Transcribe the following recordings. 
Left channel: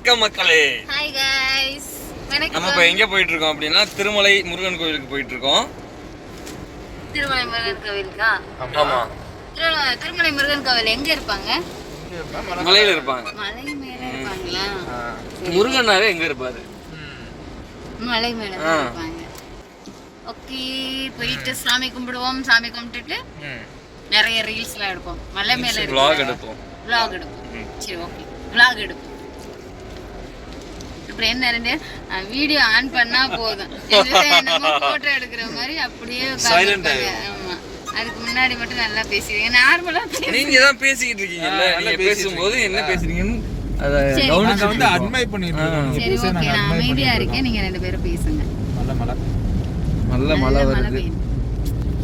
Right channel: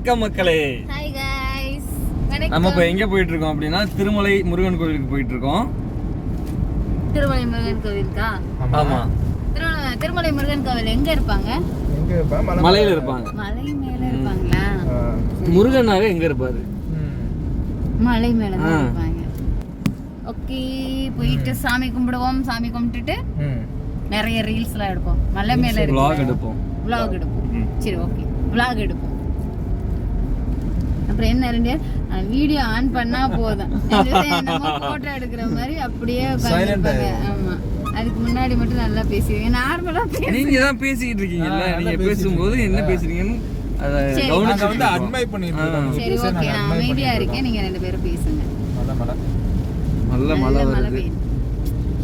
வணக்கம் மக்களே. Hi guys. நம்ம இப்ப எங்க போயிட்டு இருக்கோம் அப்படினா திருமலை முருகன் கோயிலுக்கு போயிட்டு இருக்கோம். திருமலை முருகன் கோவிலுக்கா? ஆமா. திருமலை முருகன் கோவில் எங்க இருப்பாங்க? எங்க இருப்பாங்க? மலையில இருப்பாங்க. மலை மேல இருப்பாங்களா? முருகனாவே எங்க இருப்பாரு? மலை மேல தான் இருப்பாங்க. ஓகே, போயிட்டு சாமி கும்பிடுவோம். சாமி கும்பிட்டுட்டு நிறைய ரீல்ஸ்லாம் எடுப்போம். மலை மேல இருக்கு vlog எடுப்போம். சரி, ஓகே, vlog எடுப்போம். அப்புறம் என்ன ரெண்டு வீடியோ ஆன் பண்ணா போதும், நம்ம போட்டோ எடுக்கிற மாதிரி அப்படியே உட்கார்ந்திருப்பாங்க. ஆமா, அதுக்கு முன்னாடி மட்டும் நல்லா பேசுவீங்க. நார்மலா நீங்க தான் பேசிக்கிட்டு இருக்கீங்கல்ல, நீங்க பேசும்போது என்ன பேசுறீங்கன்னு அத கவனிச்சு வந்து அட்மைர் பண்ணிட்டு இருக்கீங்க. சரி, ஓகே, நான் அமைதியா இருக்கேன், நீங்க ரெண்டு பேரும் பேசுங்க. நல்ல மழை வருது.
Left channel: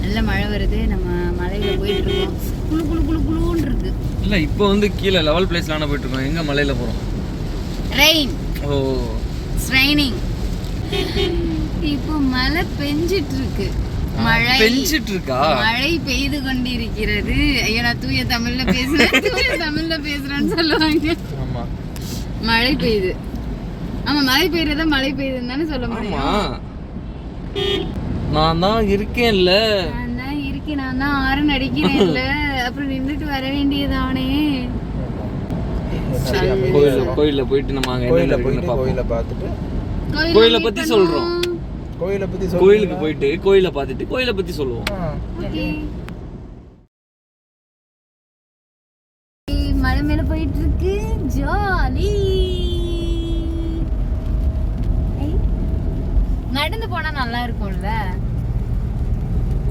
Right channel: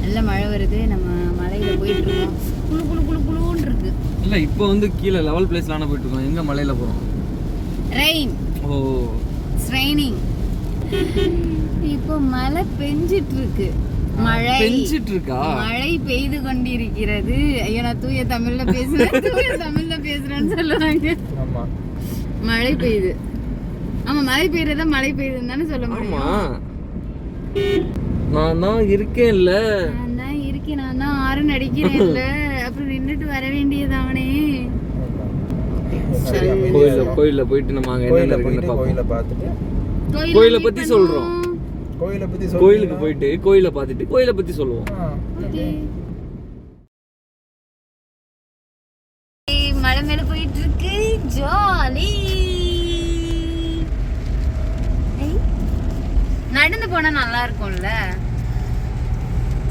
நல்ல மழை வருது. நம்ம மலையில போயிட்டு இருக்கோம். குளு குளு குளு குளுன்னு இருக்கு. இல்ல, இப்போ வந்து கீழ லெவல் பிளேஸ்லான போயிட்டு இருக்கோம். எங்க மலையில போறோம்? ரெயின். Oh, it's raining. இப்போ மழை பெஞ்சிட்டு இருக்கு. மழை பெஞ்சிட்டு இருக்கா? மழை பெய்து கொண்டிருக்கிறது. ஐயா, நான் தூய தமிழ்ல பேசுறேன்னு சொல்லுவாங்க. ஆமா, மழை பெய்யுது. ஆமா, மழை பெய்யறத மழை பெய்யுதுன்னு தானே சொல்ல முடியும். நான் தான் இருக்கேன்ல. நான் தான் ஆரன் அடிக்கிறேன்ல. அப்புறம் நின்னுட்டு வர வேண்டியதானே. கோயில்ல போயிட்டு நம்ம அங்க என்ன இருக்குன்னு பாப்போம். கோயிலை பத்தி சொல்றோம். கோயிலுக்கு போயிட்டு கோயிலை பார்த்துட்டு கோயிலை பத்தி சொல்லுவோம். மலை மேல போயிட்டு இருக்கு, ஜாலி. நடந்து போனா நல்லா இருக்கும்ல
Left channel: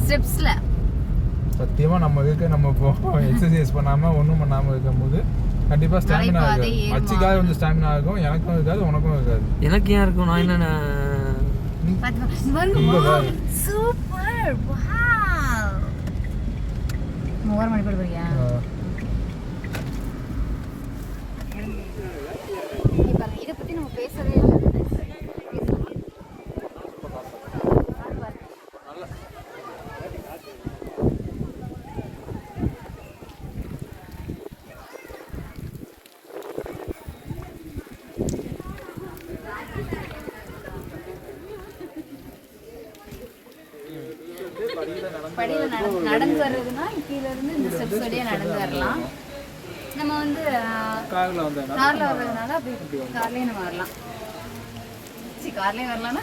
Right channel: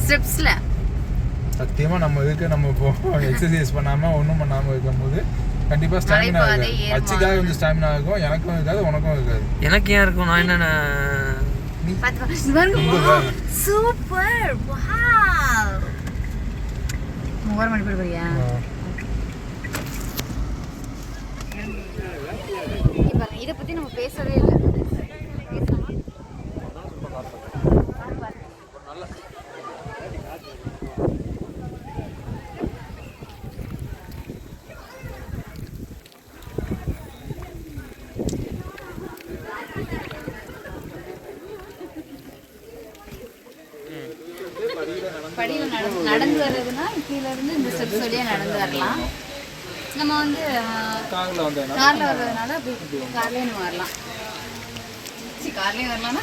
ஸ்டெப்ஸ்ல. சத்தியமா நம்ம எக்ஸசைஸ் பண்ணாம ஒண்ணும் பண்ணாம இருக்கும்போது கண்டிப்பா ஸ்டாமினா ஆகும். மச்சிக்காக வந்து ஸ்டாமினா ஆகும். எனக்கும் இருக்காது, உனக்கும் இருக்காது. எனக்கு ஏன் இருக்கும்? நான் என்ன சூப்பர், வாவ். மோர் மணி போடுறியா? இத பத்தி நம்ம பேசவே இல்லை. படியில நடந்து வர்றதுன்னா கீழ இருந்து இந்த ஸ்டெப்ஸ் வழியா நடந்து வரலாம். நம்ம வந்து கார்ல வர்றதுனால அப்படி கார்லயே நம்ம வரலாம். கார்லயே வரலாம்னா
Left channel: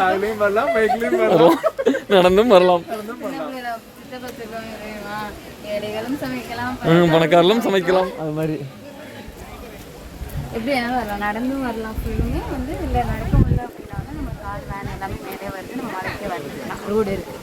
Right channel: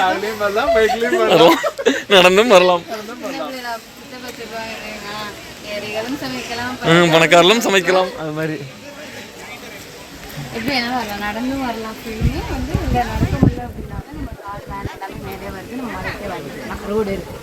கார்லயும் வரலாம், பைக்லயும் வரலாம், நடந்தும் வரலாம். ஏழைகளும் சமைக்கலாம், பணக்காரர்களும் சமைக்கலாம். அது மாதிரி எப்படி வேணாலும் வரலாம், நடந்தும் வரலாம். ஃபுல்லுமே வந்து இல்லை நடக்க முடியல அப்படின்னாலும் நம்ம கார் வேன் எல்லாமே மேலே வருது. நம்ம மலைக்கே வந்துக்கலாம், ரோடு இருக்கு.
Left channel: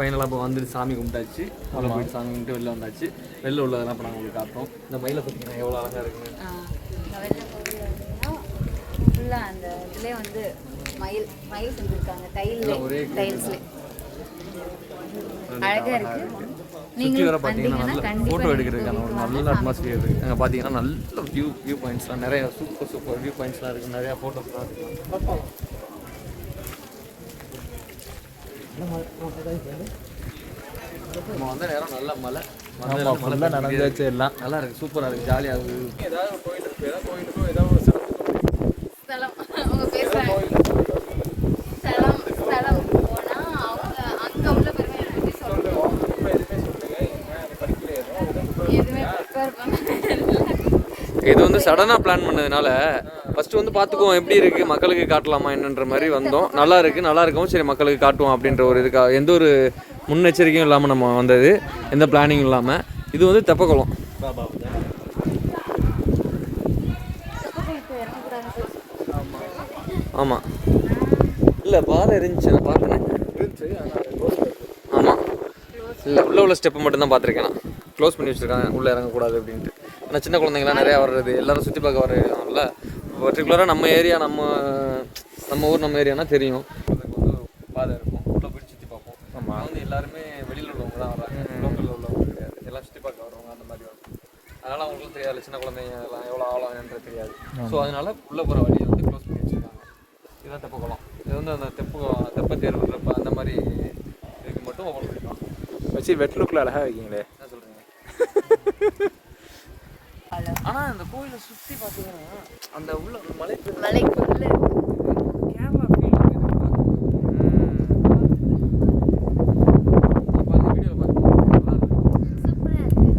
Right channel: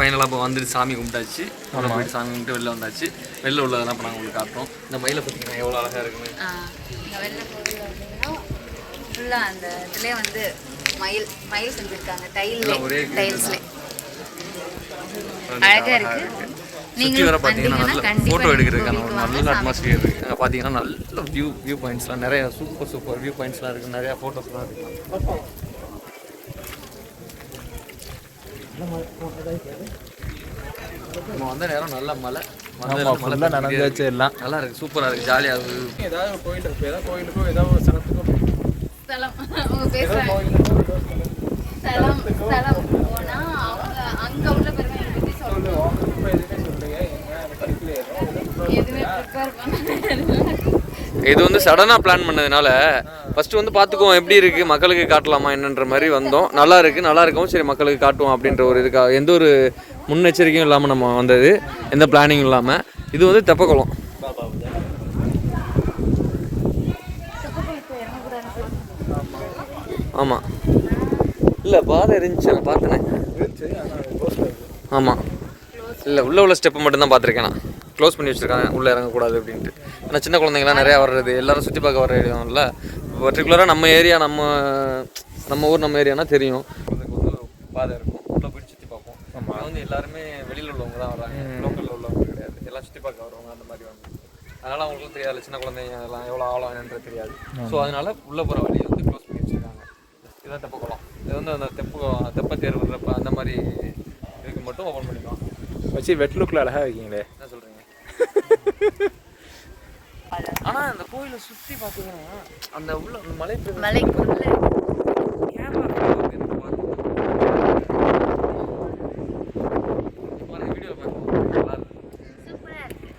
ஃபைனலாக இப்போ வந்துட்டு சாமி கும்பிட்டாச்சு. அவ்வளோ போயிட்டு சாமி கும்பிட்டு வெளில வந்தாச்சு. வெளில உள்ளதெல்லாம் இப்போ நாங்கள் உங்களுக்கு காட்டுறோம். இந்த மயிலை பார்த்தீங்கன்னா எவ்வளோ அழகாக இருக்குன்னு. இங்கே வெளில கோவில் அப்படின்னா ஃபுல்லாக அந்த இதுலேயே வந்து மயில் செஞ்சுருக்காங்க. டைல்ஸ்ல அழகாக இருக்குது. சுற்றி வர பார்த்தீங்கன்னா நல்ல ஃபோட்டோ எடுக்கிறதுக்கான ஒரு நல்ல அட்மாஸ்பியர் இருக்குது. அங்கே பார்த்தீங்கன்னா நல்ல வியூ பாயிண்ட்ஸ்லாம் நிறையா சூப்பர் வியூ பாயிண்ட்ஸ்லாம் இருக்குது. நிறையா ஃபோட்டோஸ்லாம் இருக்குது. நம்ம வந்த நேரம் நல்ல மழை நடந்தாச்சு. எல்லாம் நல்லா இருக்கு, சூப்பரா இருக்கு, ஜாலியா இருக்கு. ஏதாவது கோயிலுக்கோ ஏதாவது ஒரு ஸ்தலம் போனா அவங்க அங்க உள்ள பெருமையை பத்தி சொல்லுவோம். இது வந்து சடனாக பிளான் பண்ணதுனால ஃபஸ்ட்டு வந்து பார்த்துக்குவோம் எப்படி இருக்குது, மக்களுக்கு காட்டலாமா என்னன்ற மாதிரி வந்தோம். நல்லா இருக்கவும் சரி மக்களுக்கு காட்டுவோம் அப்படின்ற ஒரு இதுக்காக எந்த ஒரு முன்னெச்சரிக்கையும் இல்லாமல் நம்ம வந்தது, எந்த பிளானிங்கும் இல்லாமல். இது வந்து தெப்பக்குளம். ஆமாம், இல்லை பாதை இருந்துச்சு, நான் பார்த்தேன். ஆமாம், இல்லை உள்ள ஸ்டெப்பு மட்டும்தான் பார்த்துருக்கேன் நான். க்ளோஸ் பண்ணி வச்சுருக்காங்க உள்ளே இறங்கக்கூடாது அப்படின்ட்டு. ஏன்னா சின்ன குழந்தைங்களாம் நிறையா வர்றது, எல்லோரும் சுற்றி பார்க்க வர இடம்ல. பர்டிகுலராக நம்ம ஏரியா நம்ம ஊர் நம்ம ஏரியானா தெரியும். அதுக்கு வந்து பாதை இருக்கும், உள்ளே போய் சுற்றி பார்ப்போம். நம்ம வந்து எல்லாருமே வெளியில் உள்ளவங்க தான் வராங்க, லோக்கலில் உள்ளவங்க கிடையாது. எல்லாம் சுற்றி பார்க்க வருவாங்க அந்த மாதிரி வந்து. அதனால் அவங்களுக்கும் தெரியாது சின்ன குழந்தைங்க எல்லாம் எவ்வளோ ஆழம் என்னன்றது தெரியாது. ஸோ அதனால் உள்ளே போகிற வழியை வந்து க்ளோஸ் பண்ணி வச்சுருக்காங்க. இதுதான் தெப்ப குளம். இது வந்து அந்த தெப்ப தேர்வுன்றப்ப அந்த மாதிரி இதுக்கு மட்டும் ஓப்பன் பண்ணிக்கலாம். வச்சு வெட் லுக்கில் அழகாக வைக்கிங்களே, என்ன சொல்கிறீங்க? ஆனால் அந்த கோயிலை சுற்றி பார்த்தீங்கன்னா அந்த உள்ள அந்த மலைக்குள்ள கேமரா எனக்கு பார்த்து வீடியோ பார்த்து நல்லா இருக்கும். சூப்பராக இருக்கு.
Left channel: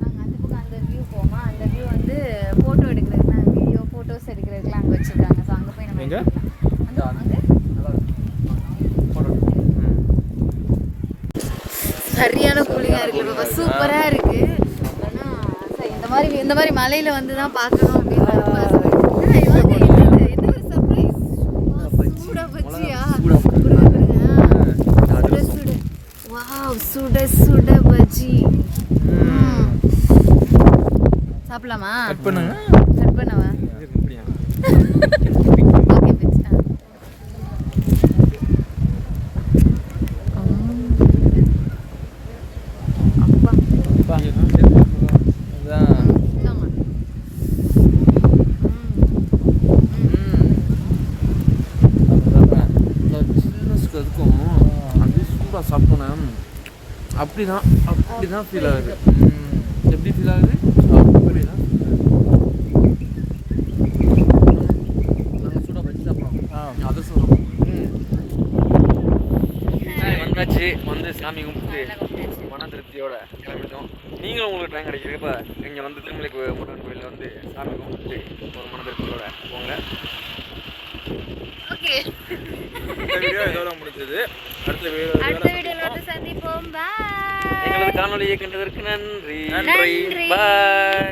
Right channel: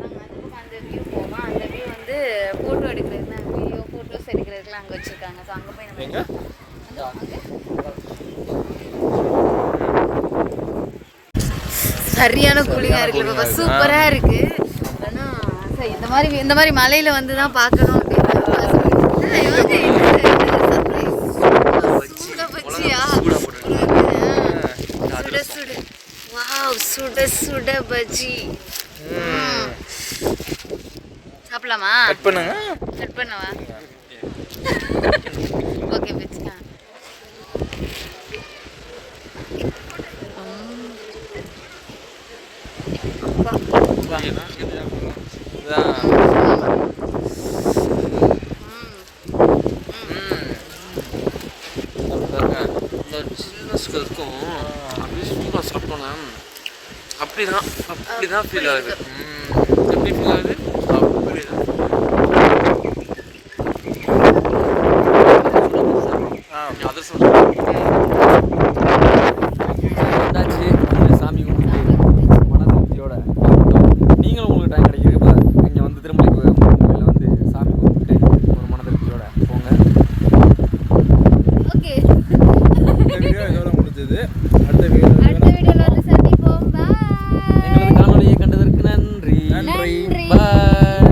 நாங்கள் அந்த பக்கம் அந்த வியூ போவோம். அந்த வியூ வந்து ஃபோட்டோ எடுக்கிறதுக்கு, வீடியோ ஃபோட்டோஸ் எடுக்கிறதுக்குலாம் அங்கே வச்சுருக்காங்க. ஸோ அங்கே போய் நம்ம எங்க? அங்கே சரியான கூலிங்காக இருக்குது பாப்பா, சூப்பராக இருக்குது. ஆனால் இந்த மாதிரி மலையில் வந்து தான் பார்க்கணும் சுட சுட பஜ்ஜி. சாப்பிடலாமா? கட் பண்ணுங்க. கட் பண்ணவா? ஓகே பஜ்ஜி. இருக்கும் அப்படியே சூப்பராக சாப்பிட்டோன்னே அப்படிதான் ஃபீல் ஆகுது. எப்படி ஃபீல் ஆகுது? அப்படிதான் அதிர்ஷ்டம் வந்தாச்சு. வந்து சாமி கும்பிட்டு மன திருப்தியோட நீங்களும் உங்களுக்கு டைம் கிடைக்கிறப்ப இங்கே வந்து திருமலை கோயிலில் வந்து சாமி கும்பிட்டு ஒரு மன திருப்தியோட போங்க. ஓகே, இந்த வீடியோ இதோட முடிஞ்சது. அடுத்த வீடியோவில் வந்து சந்திப்போம். பாய். எங்களது காணொலியை கண்டதற்கு நன்றி. நன்றி. பாய்.